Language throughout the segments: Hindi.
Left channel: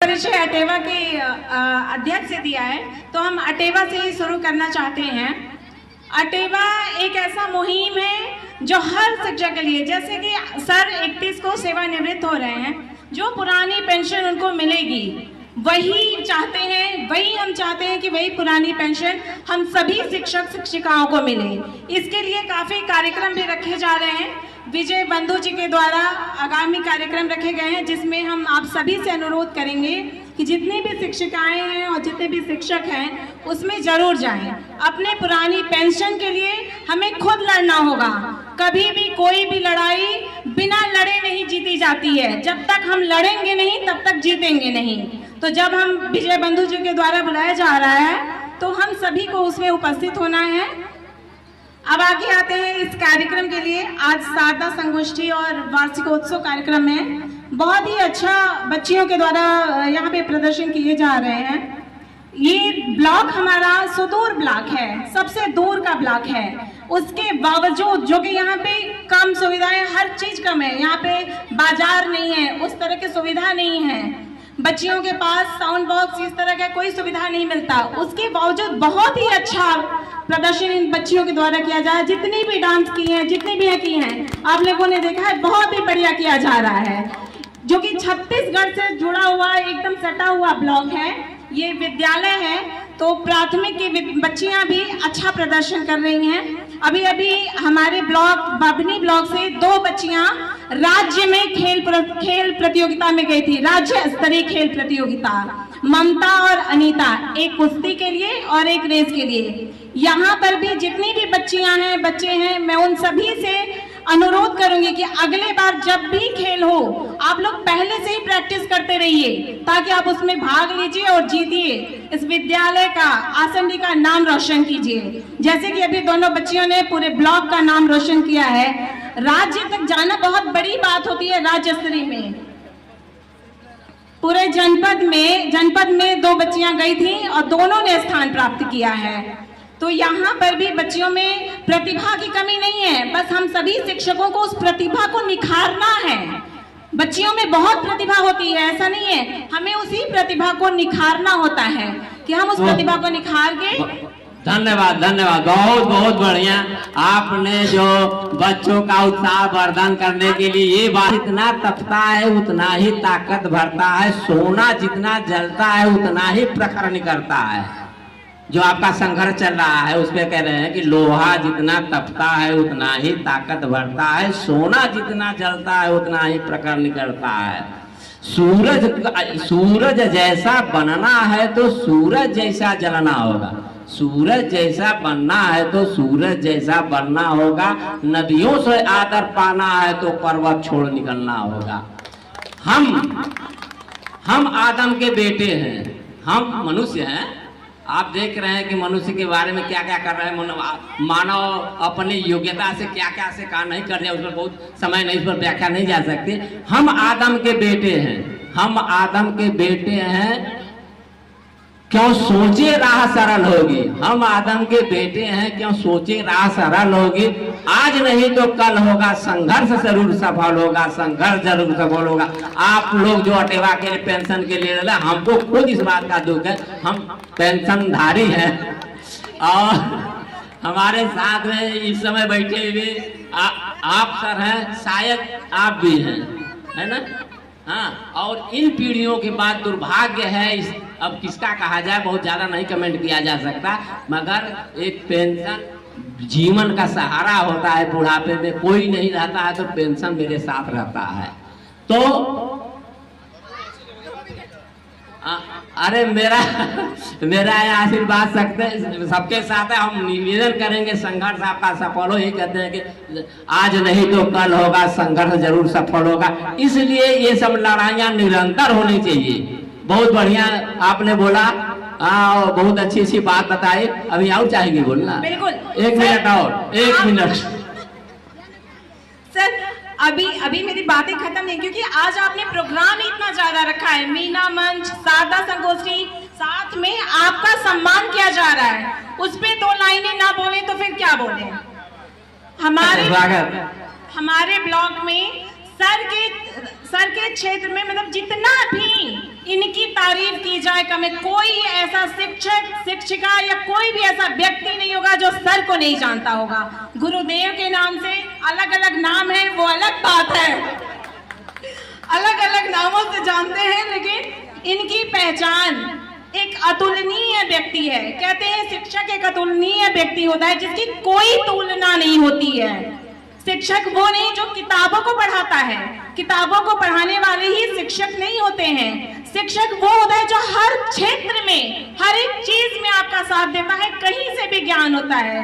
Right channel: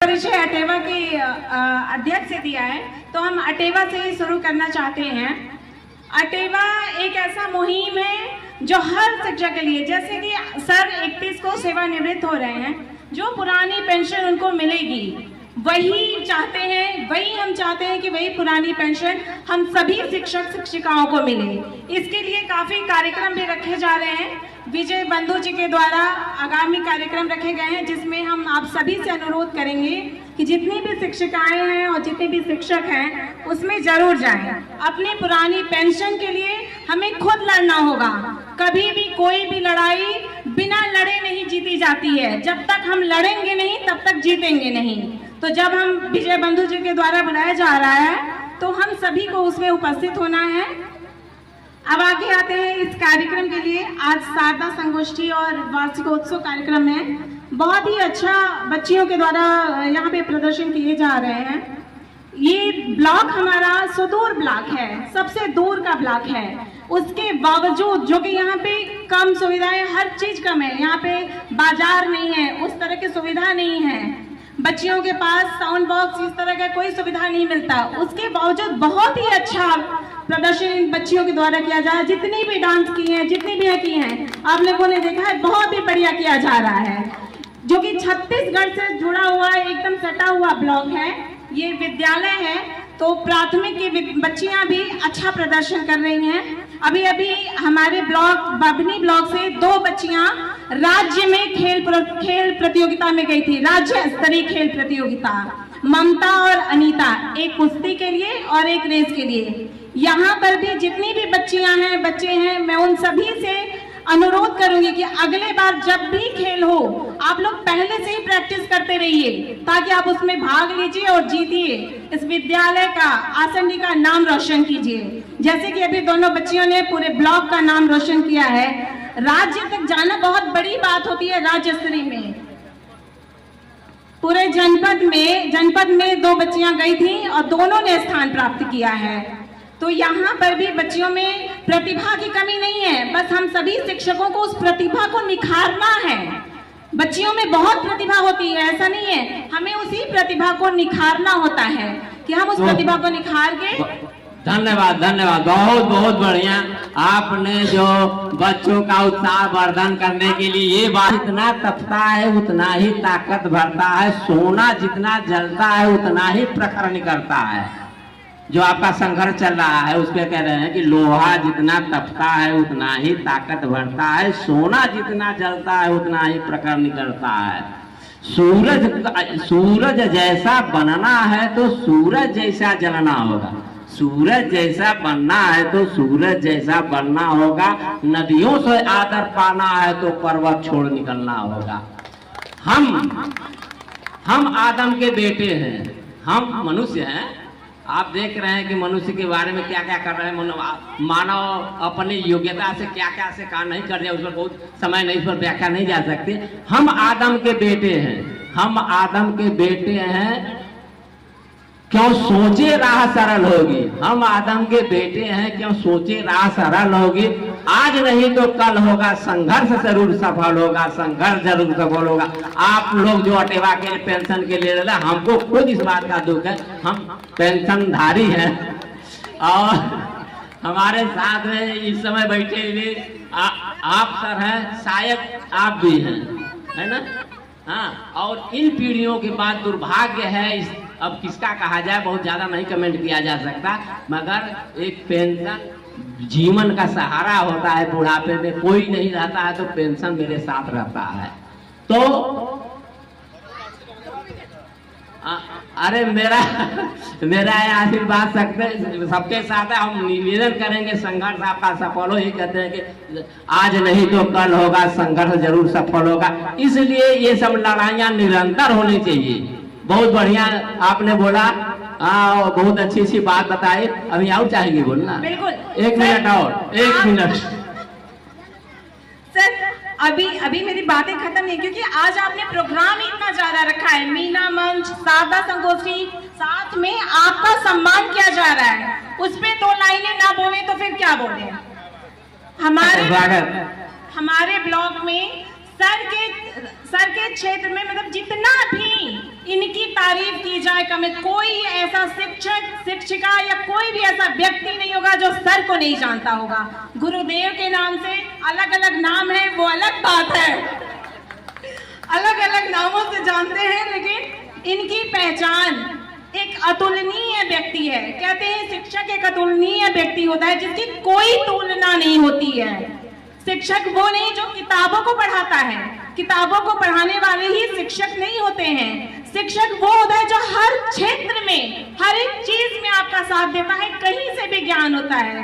परिचय अटेवा के अध्यक्ष से दिया है, तो हम अटेवा से ही शुरू करना चाहते हैं। अटेवा एक ऐसा मुहिम है जो हर शिक्षक के लिए, जैसे कि सर 31 को सेवानिवृत्त हो रहे हैं, जो पुरानी पेंशन उनको मिलेगी वही चाहते हैं, वही हम चाहते हैं कि वही पुरानी पेंशन हम सभी शिक्षक शिक्षिकाओं को मिले। इसके लिए काफी कार्यक्रम भी रखे जा रहे हैं। विजय बंधु जी के द्वारा आगामी कार्यक्रम रखे गए हैं, जिसमें हम आप सभी से अनुरोध करेंगे कि जितनी भी शिक्षिकाएं हैं और जितने भी शिक्षक हैं उसमें जरूर जाएं। अपने पुरानी पेंशन के लिए हमें खुद लड़ना होगा। कभी भी कोई भी लड़ाई बिना लड़े नहीं जीती जाती है। जब तक हम लड़ेंगे नहीं तब तक जीतेंगे नहीं। तो जब हम विजय बंधु जी के द्वारा बुलाया जा रहा है तो हम सभी को उसमें उपस्थित होना है। अब आगे आते हैं इस कार्यक्रम के लिए। आज शारदा संगोष्ठी और वार्षिकोत्सव कार्यक्रम में बहुत ही अच्छा बच्चियों के द्वारा यहाँ पे प्रदर्शन किए जा रहे हैं। ये ब्लॉक हमारा सुदूर ब्लॉक है, सबसे दूर का ब्लॉक है। उसके बावजूद जो कि यहाँ पे कम सुविधाएं, हर चीज कम है, यहाँ पे बाजार नहीं है, उस तरह की सुविधा नहीं है, बच्चियों के पास साउंड बॉक्स इस तरह का कोई सुविधा नहीं मिलता। उसके बावजूद बहुत ही अच्छा प्रदर्शन इन बच्चियों के द्वारा किया जा रहा है। जितनी भी डांस की हैं, जितनी भी की हैं, आप लोगों ने देखा है, बहुत ही बढ़िया किया जा रहा है। जो कि छत्तीसगढ़ से जुड़ा हुआ एकदम सटा हुआ ब्लॉक है, ये विद्यालय है, तो प्राथमिक की बच्चियां भी अच्छा प्रदर्शन कर रही हैं। अभी अभी हमारे ब्लॉक बभनी ब्लॉक से 2 बच्चियां राज्य में खेल प्रतियोगिता में गई थी, राज्य स्तरीय खेल प्रतियोगिता। ममता और अनीता, एक कुश्ती के लिए और एक रेस के लिए। यहाँ पर भी जितनी भी बच्चियां हैं, बच्चे हैं, मैं उन सभी से अनुरोध करूंगी कि अगले बार जब भी खेल हो आप लोग पहले से ही प्रैक्टिस करते रहिए, ताकि आप उसमें भाग लीजिए और जीतिए, इस विद्यालय का, आसंडी का नाम रोशन कीजिए। जैसे कि अभी दोनों बच्चियों ने पूरे ब्लॉक का नाम रोशन किया है। राज्य तक जाना बहुत बड़ी बात होती है। राज्य स्तरीय में पूरे जनपद में 2 बच्चियां गई थी और दोनों ने स्थान प्राप्त किया है। तो यहाँ पर भी बच्चियों में प्रतिभा की कमी नहीं है, बस हम सभी शिक्षकों को उस प्रतिभा को निखारना है। बच्चियों में बहुत प्रतिभा होती है, ऐसा नहीं है, हमें उसी प्रतिभा को निखारना होता है कि हम उस प्रतिभा को निखार के। धन्यवाद, बहुत बहुत बढ़िया। आपने जो बच्चों का उत्साह वर्धन करने के लिए, ये बात, जितना तपता है उतना ही ताकत भरता है, सोना जितना जलता है उतना ही प्रखर निकलता है। जो आपका संघर्ष चल रहा है उस पे कह रहे हैं कि लोहा जितना तपता है उतना ही ताकत भरता है, सोना जितना जलता है उतना ही प्रखर निकलता है। सूरज जैसा बनना है तो सूरज जैसा जलना होगा, सूरज जैसा बनना है तो सूरज जैसा बनना होगा, नदियों से आदर पाना है तो पर्वत छोड़ निकलना होगा। हम आदम के बेटे हैं, हम मनुष्य हैं। आप देख रहे हैं कि मनुष्य के बारे में क्या क्या कर रहे हैं, मानव अपनी योग्यता से क्या क्या से काम नहीं कर रहे, उस पर बहुत समय नहीं, इस पर व्याख्या नहीं जा सकती। हम आदम के बेटे हैं, हम आदम के बेटे हैं, क्यों सोचे राह सरल होगी। हम आदम के बेटे हैं, क्यों सोचे राह सरल होगी। आज नहीं तो कल होगा, संघर्ष जरूर सफल होगा, संघर्ष जरूर सफल होगा। आप लोग जो अटेवा के पेंशन के लिए, हमको खुद इस बात का दुख है, हम पेंशनधारी हैं और हमारे साथ में इस समय बैठे हुए आप सर हैं, शायद आप भी हैं, है ना। हाँ, और इन पीढ़ियों के बाद दुर्भाग्य है, अब किसका कहा जाए, बहुत ज्यादा नहीं कमेंट किया जा सकता, मगर एक पेंशन जीवन का सहारा होता है। बुढ़ापे में कोई नहीं रहता है तो पेंशन मेरे साथ रहता है। तो अरे मेरा आशीर्वाद सबके साथ है। हम निवेदन करेंगे संघर्ष आपका सफल हो। ये कहते हैं कि आज नहीं तो कल होगा, संघर्ष जरूर सफल होगा। इसलिए ये सब लड़ाइयाँ निरंतर होनी चाहिए। बहुत बढ़िया आपने बोला, बहुत अच्छी सी बात बताई। अभी और चाहेंगे बोलना? बिल्कुल, 1 मिनट और 1 मिनट सर। अभी मेरी बातें खत्म नहीं, क्योंकि आज आपने प्रोग्राम इतना ज्यादा रखा है, मीना मंच, शारदा संगोष्ठी, साथ में आपका सम्मान किया जा रहा है। उस पे 2 लाइनें ना बोले तो फिर क्या बोले। हमारे ब्लॉक में सर के क्षेत्र में, मतलब जितना भी इनकी की जायका में कोई ऐसा शिक्षक शिक्षिका या कोई भी ऐसा व्यक्ति नहीं होगा जो सर को नहीं जानता होगा। गुरुदेव के नाम से अलग अलग नाम है, वो अलग बात है, अलग अलग नामों से जानते हैं, लेकिन इनकी पहचान एक अतुलनीय व्यक्ति है। कहते हैं शिक्षक एक अतुलनीय व्यक्ति होता है जिसकी कोई तुलना नहीं होती है। शिक्षक वो नहीं जो किताबों को पढ़ाता है, किताबों को पढ़ाने वाले ही शिक्षक नहीं होते हैं। शिक्षक वो होता है जो हर क्षेत्र में, हर एक चीज में आपका साथ देता है, कहीं से भी ज्ञान होता है।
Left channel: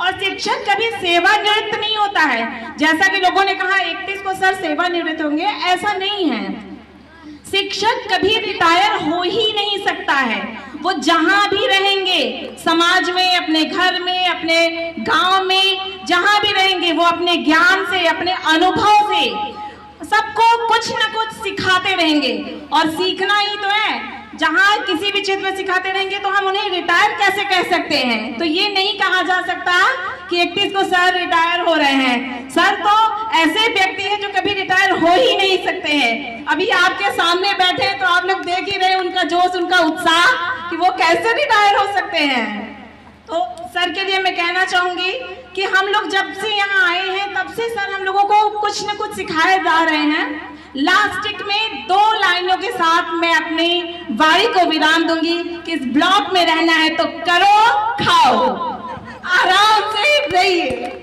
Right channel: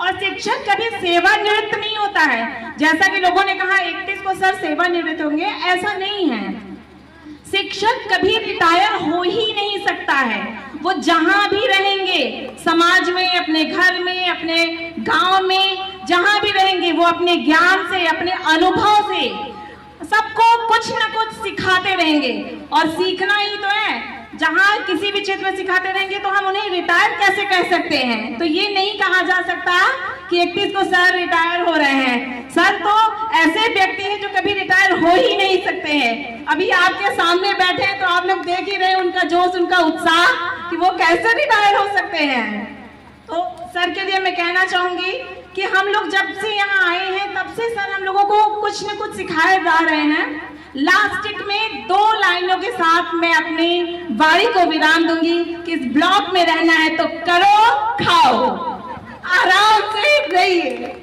और शिक्षक कभी सेवानिवृत्त नहीं होता है। जैसा कि लोगों ने कहा 31 को सर सेवानिवृत्त होंगे, ऐसा नहीं है। शिक्षक कभी रिटायर हो ही नहीं सकता है। वो जहां भी रहेंगे, समाज में, अपने घर में, अपने गांव में, जहां भी रहेंगे, वो अपने ज्ञान से, अपने अनुभव से सबको कुछ न कुछ सिखाते रहेंगे। और सीखना ही तो है, जहां किसी भी क्षेत्र में सिखाते रहेंगे तो हम उन्हें रिटायर कैसे कह सकते हैं। तो ये नहीं कहा जा सकता कि 31 को सर रिटायर हो रहे हैं। सर तो ऐसे व्यक्ति हैं जो कभी रिटायर हो ही नहीं सकते हैं। अभी आपके सामने बैठे हैं तो आप लोग देख ही रहे हैं उनका जोश, उनका उत्साह कि वो कैसे रिटायर हो सकते हैं। तो सर के लिए मैं कहना चाहूंगी कि हम लोग जब से यहाँ आए हैं तब से सर हम लोगों को कुछ न कुछ सिखाए जा रहे हैं। लास्टिक में 2 लाइनों के साथ मैं अपनी वाणी को विराम दूंगी कि इस ब्लॉक में रहना है तो करो, खाओ, आराम से रहिए।